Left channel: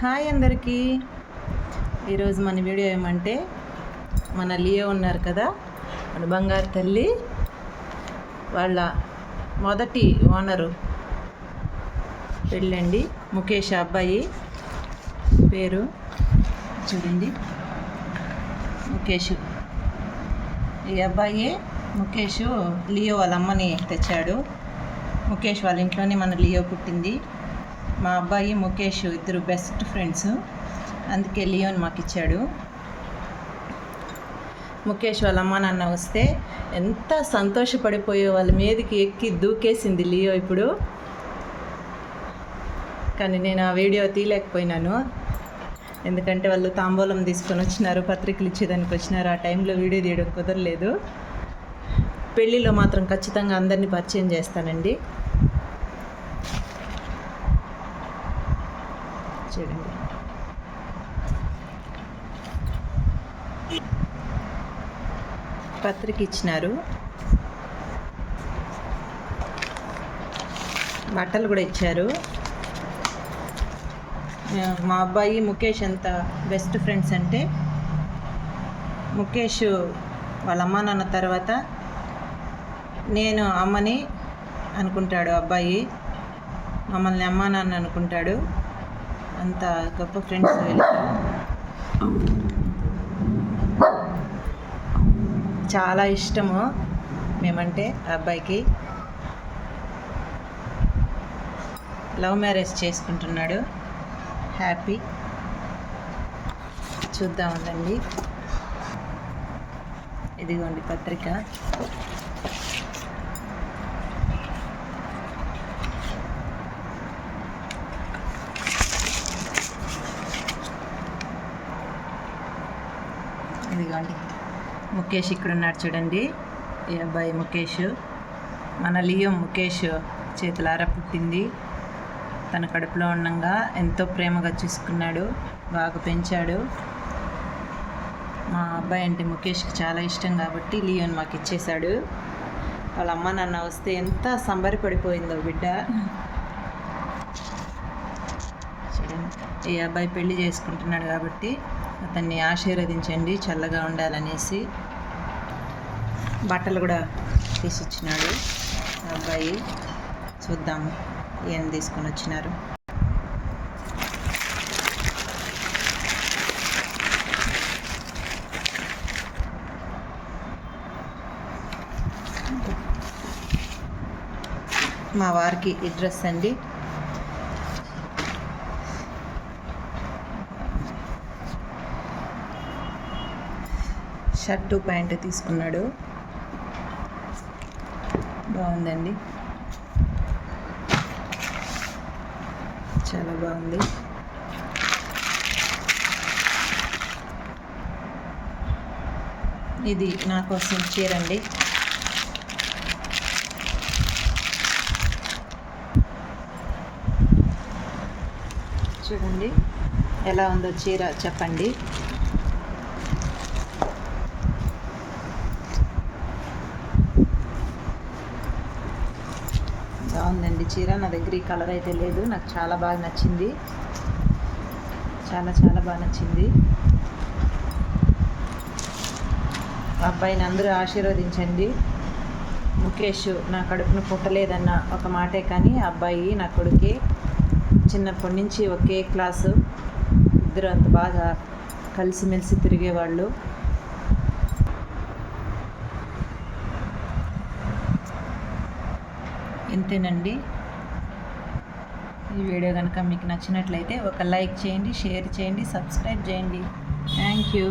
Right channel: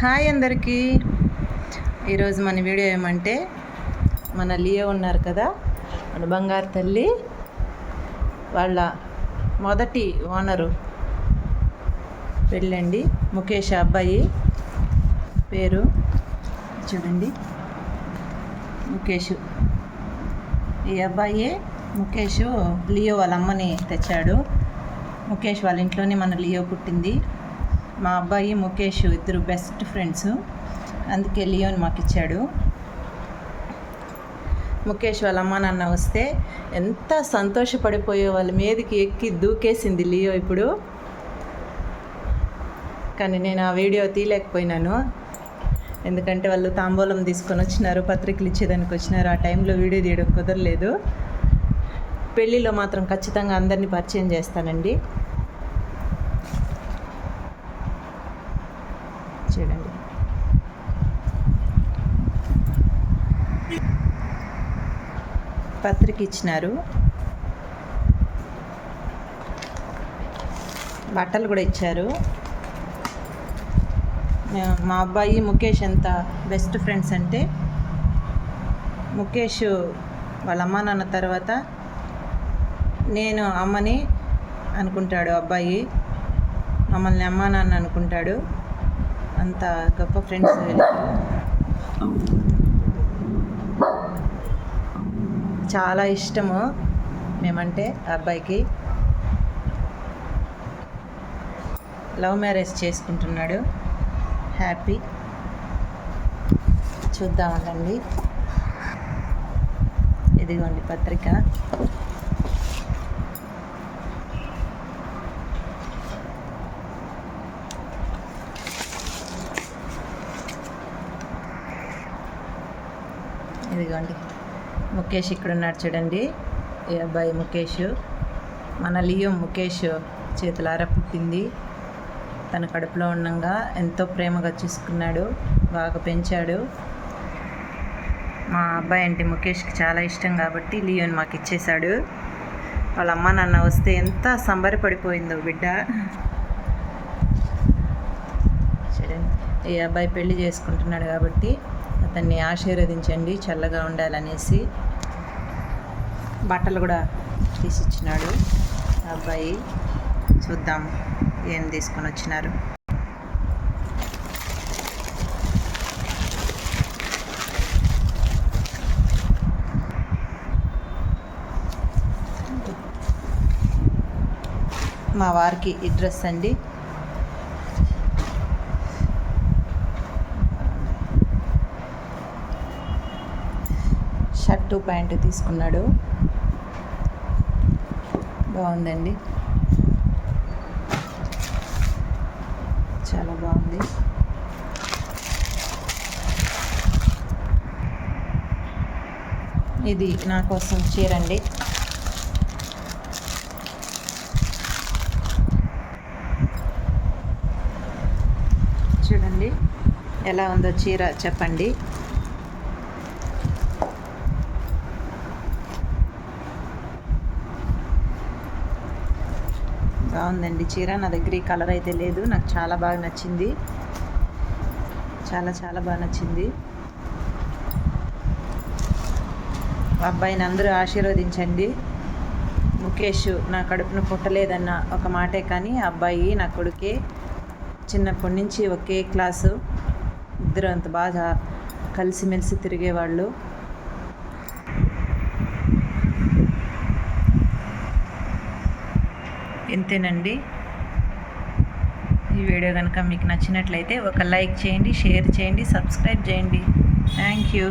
Hi అందరికీ. ఈరోజు మన వీడియో ఏమంటే మన లియో ఉన్నారు కదా మన బంగారు తల్లి వాళ్ళ మొదటి ఓనరు పెళ్ళండి ముఖేష్ అబ్బాయి పేరు. చూడండి. ముఖేష్. ఈ అబ్బాయి ముఖేష్ లియో వాళ్ళ అమ్మని తెచ్చాడు. ముఖేష్ వాళ్ళ ఇంట్లోనే మన లియో పుట్టింది. మా అబ్బాయి ముఖేష్ ఇద్దరు బెస్ట్ ఫ్రెండ్స్ అందుకే లియోని మాకు ఇచ్చాడు ముఖేష్ వాళ్ళ అమ్మ నాన్న వస్తే ఎంత సంతోషపడిపోయే వాళ్ళ మీదకి ఎక్కి దూకేసింది లియో ఇప్పుడు. కానీ నేను ఆ వీడియో తీయలేకపోయినాను. ఎందుకంటే వాళ్ళు తాంబూలం తీసుకొని వచ్చినారు పత్రికలు ఇచ్చేదానికి వచ్చినారు. ఆ టైంలో వీడియో తీయడం కుదరలేదు. పెళ్ళిలో మాత్రం ఖచ్చితంగా అందరినీ పరిచయం చేస్తానండి. చేయండి. పత్రిక ఇచ్చినారు. బట్టలు కూడా ఇచ్చారు. మా అబ్బాయి ముఖేష్ ఎంత బెస్ట్ ఫ్రెండ్స్ అంటే ముఖేష్ వాళ్ళ అమ్మ నాన్న తర్వాత నేను అమ్మని అనుకుంటాడు అబ్బాయి. మమ్మల్ని అమ్మ నాన్న అనుకుంటాడు. అంత గొప్ప ఫ్రెండ్స్ వీళ్ళిద్దరు చాలా ఇష్టము మేమంటే ఆ అబ్బాయికి. లవ్ మ్యారేజ్ చేసుకుంటున్నాడు. హ్యాపీ. చూద్దామండి. ఇదిగోండి పత్రిక. ఇదిగోండి. ముఖేష్ ఇక్కడ ఉన్నాడు చూడండి. ఈ అబ్బాయి ముఖేష్. మన లియో ముఖేష్ చేతులారా పుట్టింది. తన కడుపులో ఉండగా ఎంతో ప్రేమగా చూసుకున్నాడు. బాగా పెంచాడు. మా అబ్బాయి అంటే ముఖేష్కి చాలా ఇష్టం కాబట్టి లియోని మాకు ఇచ్చేశాడు. వాళ్ళ అమ్మ నాన్న వస్తే ఎంత సంబరపడిపోయిందో బిడ్డ. చూడండి. ఈ అబ్బాయి పెళ్ళి చేసుకుంటున్నాడు కాబట్టి అతన్ని ఆశీర్వదించండి చల్లగా ఉండాలనేసి బట్టలు కూడా తీసిచ్చినాడు. అబ్బాయి చూద్దాం ఏం తీసుకొని వచ్చినారు. మా వారికి ఈ డ్రెస్ అండి. షర్టు ప్యాంటు తీసుకున్నాడు. బాగుందండి. చాలా బాగుంది. ఇది నా కోసం చీర అండి చూడండి ఎలా ఉందో చీర చెప్పండి. బాగుందండి. చీర నా దగ్గర ఈ కలర్ అయితే లేదు. నాకు చాలా బాగా నచ్చింది. చాలా చాలా బాగా నచ్చింది. అబ్బాయిని అందరూ ఆశీర్వదించండి. ముఖేష్ నా కడుపును పుట్టలేదన్న ఒక మాటే కానీ అబ్బాయి నా కొడుకే చిన్నప్పటి నుంచి ఒకే క్లాసు. ఇద్దరు అంత బాగా కలిసిమెలిసి తిరిగేవాళ్ళు. ఇంతేనండి. ఈ వీడియో కనుక మీకు నచ్చినట్లయితే ఒక లైక్ చేయండి షేర్ చేయండి సబ్స్క్రైబ్ చేయండి. Thank you.